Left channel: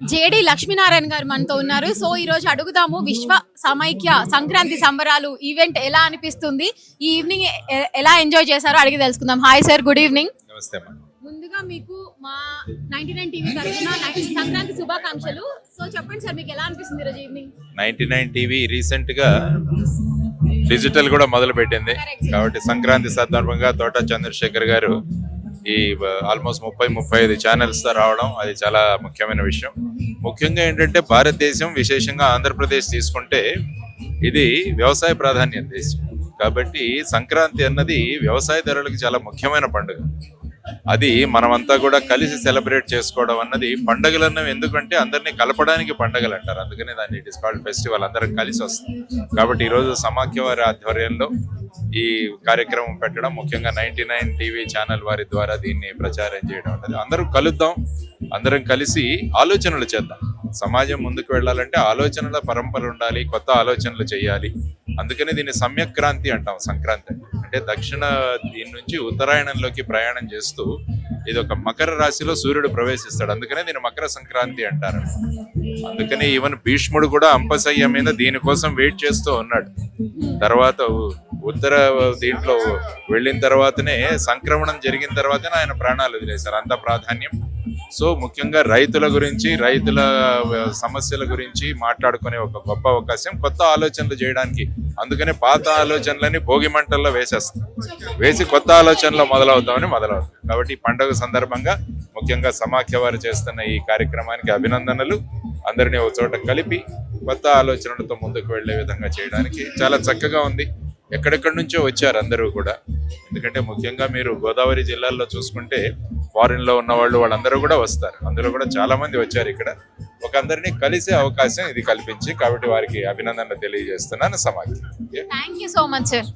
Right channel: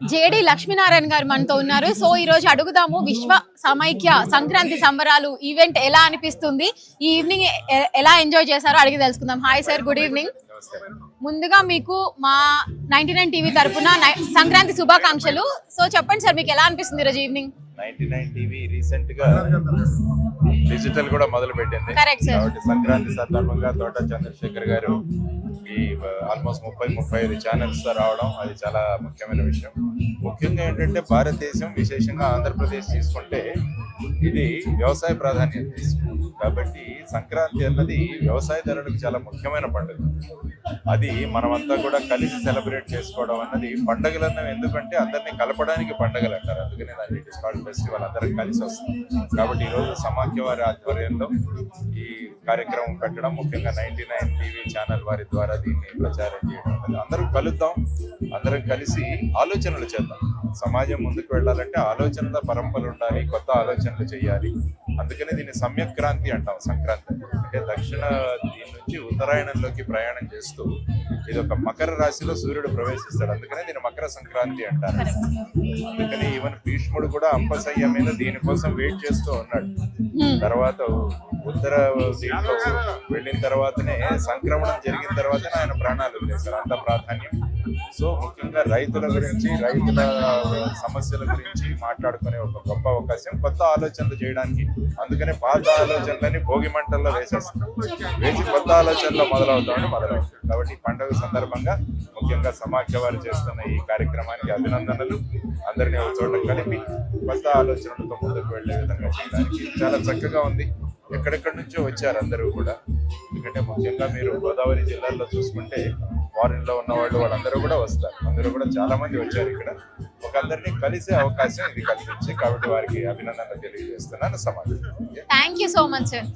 JD Lakshminarayana గారు మనతో ఉన్నారు. సో ఈ రోజు అడుగుదాము విశ్వ సమైక్య సంక్రాంతి సంబరాలు ఈవెంట్ ఎలా అనిపిస్తుంది, ఈ ఈవినింగ్ ఎలా ఎంజాయ్ చేశారో అడిగి తెలుసుకుందాం. Hi sir, good evening. ముందుగా మీకు మా 99 టీవీ తరఫున సంక్రాంతి శుభాకాంక్షలు. సో చెప్పండి సార్, మీకు ఎలా అనిపిస్తుంది ఈరోజు ఈవినింగ్? 99 టీవీ రీసెంట్ గా డిజిటల్ కూడా మొదలు పెట్టింది కాబట్టి సంక్రాంతి సందర్భంగా తోట చంద్రశేఖర్ గారు ఈ ఆల్మోస్ట్ 30-35 ఛానల్స్ తో రావడం అది చాలా ముఖ్యమైన విషయం. ముఖ్యంగా ఏంటంటే భారతదేశం, విశేషంగా ఆంధ్రప్రదేశ్ తీసుకుంటే ఇది వ్యవసాయ ప్రాధాన్యత దేశం కాబట్టి సంక్రాంతి అన్నది వ్యవసాయదారులకు చాలా ముఖ్యమైన పండుగ. అది మనమంతా కూడా కలిసి సెలబ్రేట్ చేసుకోవడం అన్నది పండుగలు అన్నవి. ఎందుకంటే అందరినీ కలపడానికి పండుగలు అంటారు, అందుకనే దాన్ని ఇట్ ఇస్ కాల్డ్ ఫెస్టివల్. అందరం కలిసి వస్తాం కాబట్టి ఈరోజు సమాఖ్య వారి ఆధ్వర్యంలో ఈ కార్యక్రమం పెట్టడం, ముఖ్యంగా 99 టీవీ ఛానల్ వారి ద్వారా దీన్ని ప్రచారం చేయడం అనేది. అందరం కలుద్దాం, అందరం కలిసి ఆలోచనలు చేద్దాం. సమాజం ముందుకు వెళ్ళాలంటే ఆలోచనల పరంపర ఉండాలి, కొత్త ఆలోచనలు చేయాలి. అందుకని దీన్ని సమ్యక్రాంతి అంటాం. సంక్రాంతి అంటే దక్షిణ దీని నుంచి ఉత్తరాయణంలోకి ప్రయాణం చేస్తూ ఇది ఒక మకర రాశిలో సూర్యుడు ప్రవేశిస్తాడు, అందుకనే దీన్ని మకర సంక్రాంతి అంటారు. అందుకని ఈవెన్ భీష్ముడు కూడా అంపశయ్య మీద దీనికోసం వెయిట్ చేస్తూ ఉన్నాడు. తర్వాత ఉత్తర దీంట్లో వెళ్ళిన తర్వాతనే సంక్రమణం జరిగిన తర్వాతనే ఆయన ప్రాణాలు వదిలేశారు, అంత ప్రాధాన్యం. సో ముఖ్యంగా రైతుల గురించి, రైతుల సమస్యల గురించి మాట్లాడుకునే ఒక గొప్ప అవకాశం, కొత్త ఆలోచనలు చేయడానికి. అందుకనే పాత ఆలోచనలని భోగి మంటల్లో వేసి కొత్త ఆలోచనలో మొదలవుతాం. కాబట్టి ఈ పండుగ సందర్భంగా ముఖ్యంగా సమాఖ్య వారు చేస్తున్న ఈ కార్యక్రమానికి అభినందనలు. అందరినీ ఒక చోట కలిపి కొత్త ఆలోచనలతో ముందుకు వెళ్లే విధంగా చేయడానికి చాలా చక్కగా ఉంది. ఎక్కడెక్కడి నుంచో వచ్చారు అందరూ కూడా. ఎందుకంటే ముఖ్యంగా మీరు గోదావరి జిల్లాల్లో చూసుకుంటే ఫారిన్ లో ఉన్న వాళ్ళందరూ కూడా వస్తారు. అందులో కూడా చాలా మంది వచ్చారు. ఇక్కడ ఒక అందరినీ కలిసే అవకాశం ఇది కల్పించి, కాబట్టి వారికి అభినందనలు తెలియజేస్తున్నాను సమాఖ్య. Thank you so much sir.